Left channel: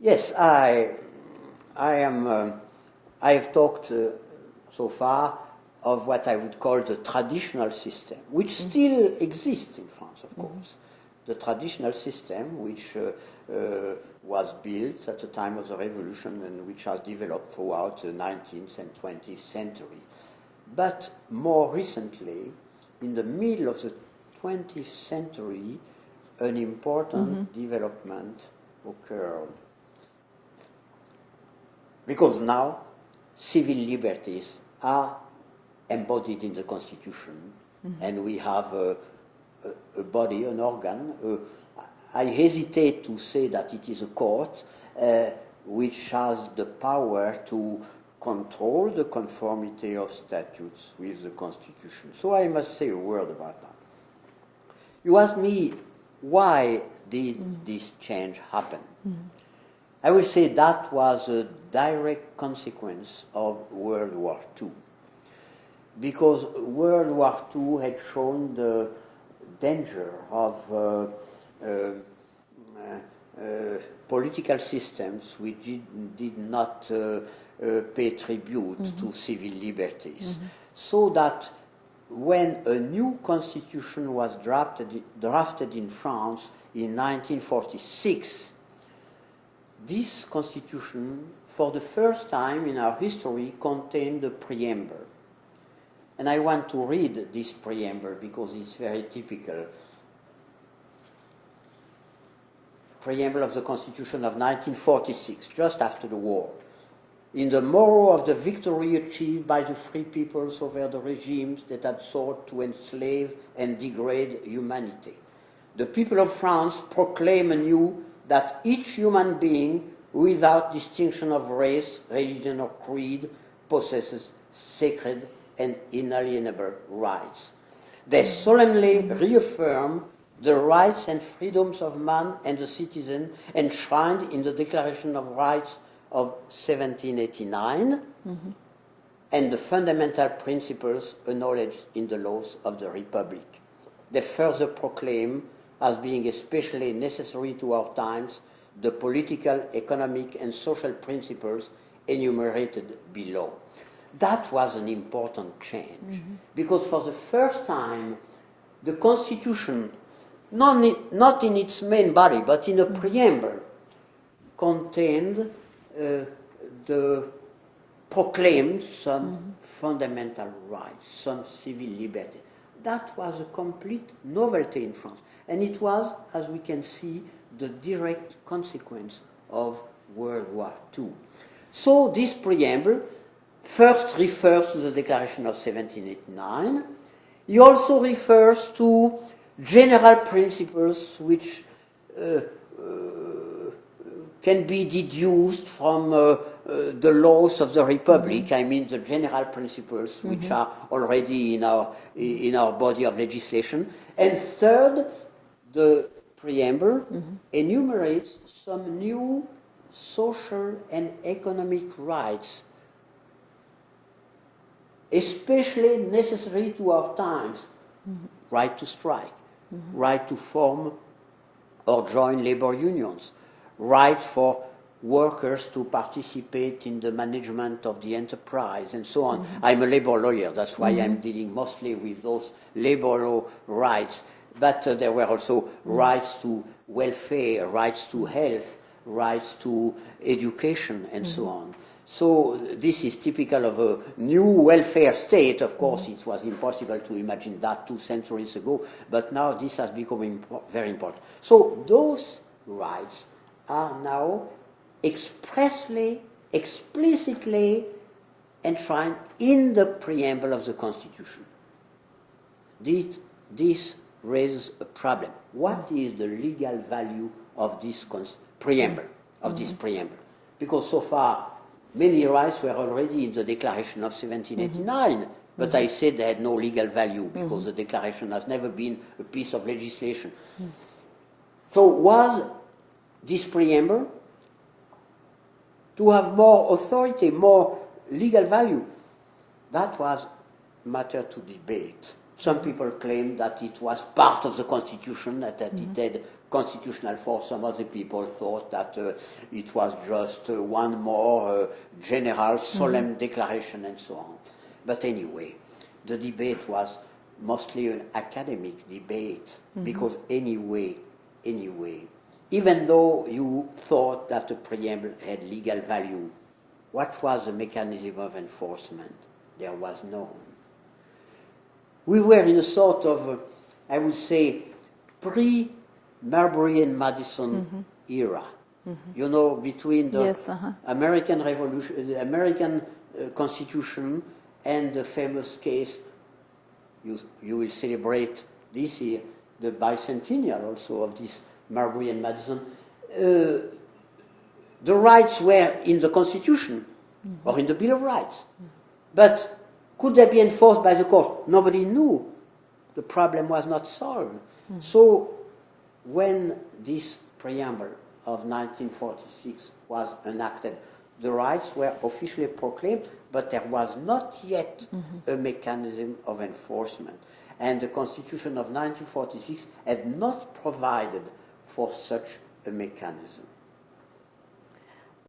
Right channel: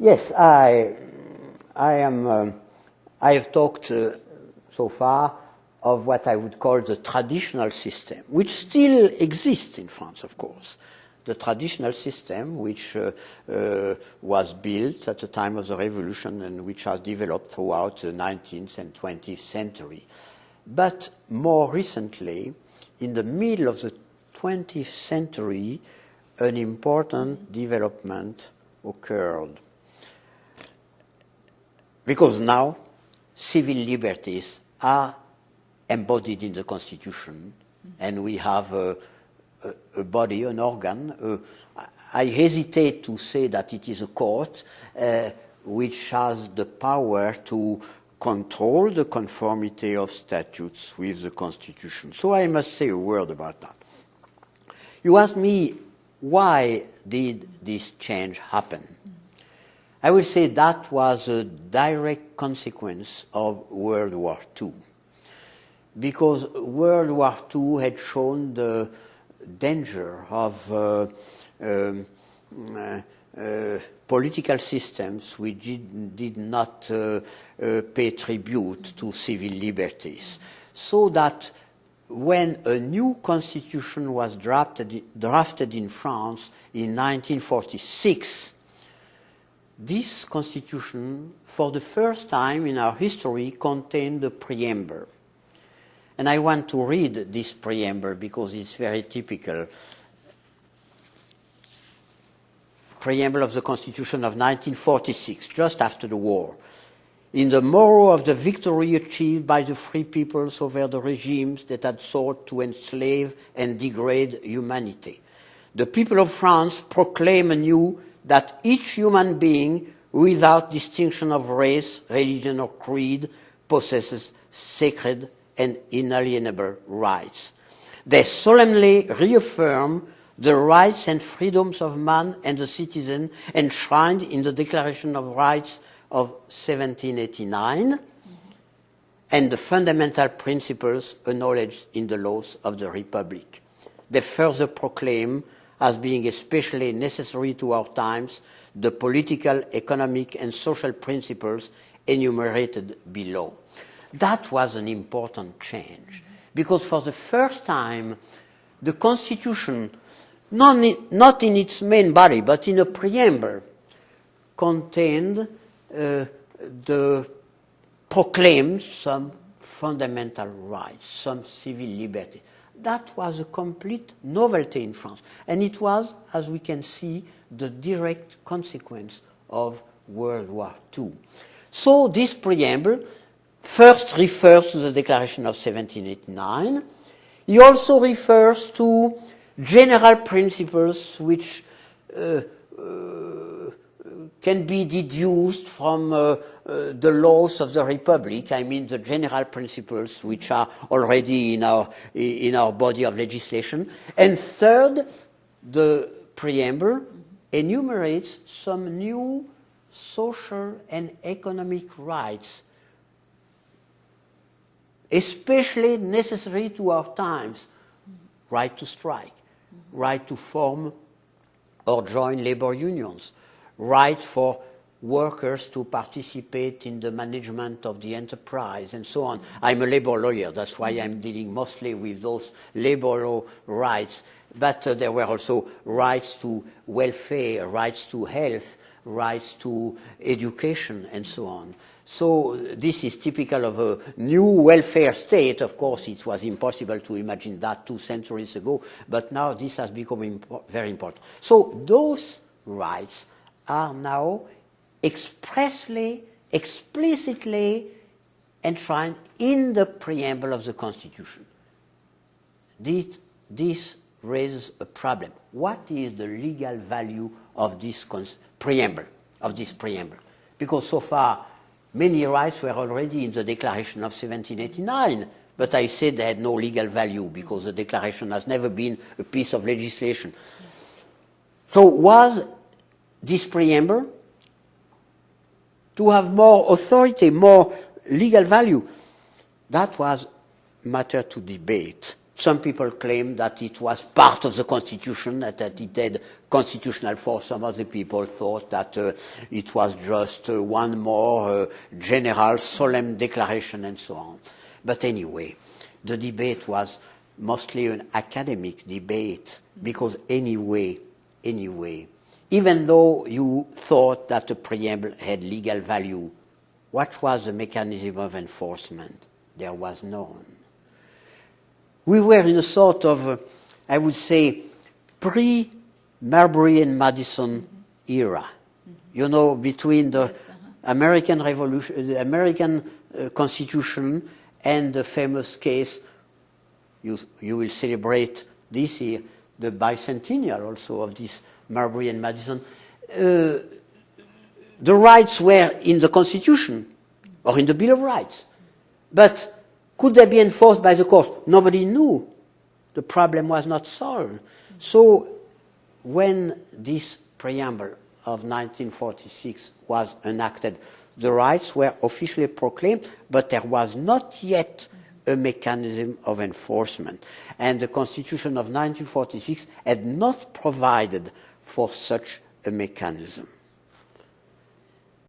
Yes, I have talked so far of what I would call the traditional system, which still exists in France, of course. The traditional system, which was built at the time of the Revolution and which has developed throughout the 19th and 20th century. But more recently, in the middle of the 20th century, an important development occurred. Because now, civil liberties are embodied in the Constitution, and we have a body, an organ. I hesitate to say that it is a court which has the power to control the conformity of statutes with the Constitution. So I must say a word about that. You asked me, why did this change happen? I will say that was a direct consequence of World War II. Because World War II had shown the danger of political systems which did not pay tribute to civil liberties. So that when a new constitution was drafted in France in 1946, this constitution, for the first time in our history, contained a preamble. And I want to read this preamble because it's very typical. Preamble of the Constitution of 1946, just after the war. In the morrow of the victory achieved by the free peoples over the regimes that had sought to enslave and degrade humanity, the people of France proclaim anew that each human being, without distinction of race, religion, or creed, possesses sacred and inalienable rights. They solemnly reaffirm the rights and freedoms of man and the citizen enshrined in the Declaration of Rights of 1789 and the fundamental principles acknowledged in the laws of the Republic. They further proclaim, as being especially necessary to our times, the political, economic, and social principles enumerated below. That was an important change, because for the first time, the Constitution, not in its main body, but in a preamble, contained proclaimed some fundamental rights, some civil liberty. That was a complete novelty in France. And it was, as we can see, the direct consequence of World War II. So this preamble first refers to the Declaration of 1789. He also refers to general principles which can be deduced from the laws of the Republic. I mean the general principles which are already in our body of legislation. And third, the preamble enumerates some new social and economic rights, especially necessary to our times. Right to strike, right to form or join labor unions, right for workers to participate in the management of the enterprise, and so on. I'm a labor lawyer, that's why I'm dealing mostly with those labor law rights. But there were also rights to welfare, rights to health, rights to education, and so on. So this is typical of a new welfare state. Of course, it was impossible to imagine that 2 centuries ago, but now this has become very important. So those rights are now expressly, explicitly enshrined in the preamble of the Constitution. This raises a problem. What is the legal value of this preamble? Because so far, many rights were already in the Declaration of 1789, but I said they had no legal value because the Declaration has never been a piece of legislation. So was this preamble to have more authority, more legal value? That was matter to debate. Some people claim that it was part of the Constitution, that it had constitutional force. Some other people thought that it was just one more general, solemn declaration and so on. But anyway, the debate was mostly an academic debate, because anyway, even though you thought that the preamble had legal value, what was the mechanism of enforcement? There was none. We were in a sort of, I would say, pre-Marbury and Madison era. You know, between the American Revolution, the American Constitution, and the famous case, you will celebrate this year, the bicentennial also of this Marbury and Madison. The rights were in the Constitution or in the Bill of Rights. But could they be enforced by the court? Nobody knew. The problem was not solved. So when this preamble of 1946 was enacted, the rights were officially proclaimed, but there was not yet a mechanism of enforcement. And the Constitution of 1946 had not provided for such a mechanism.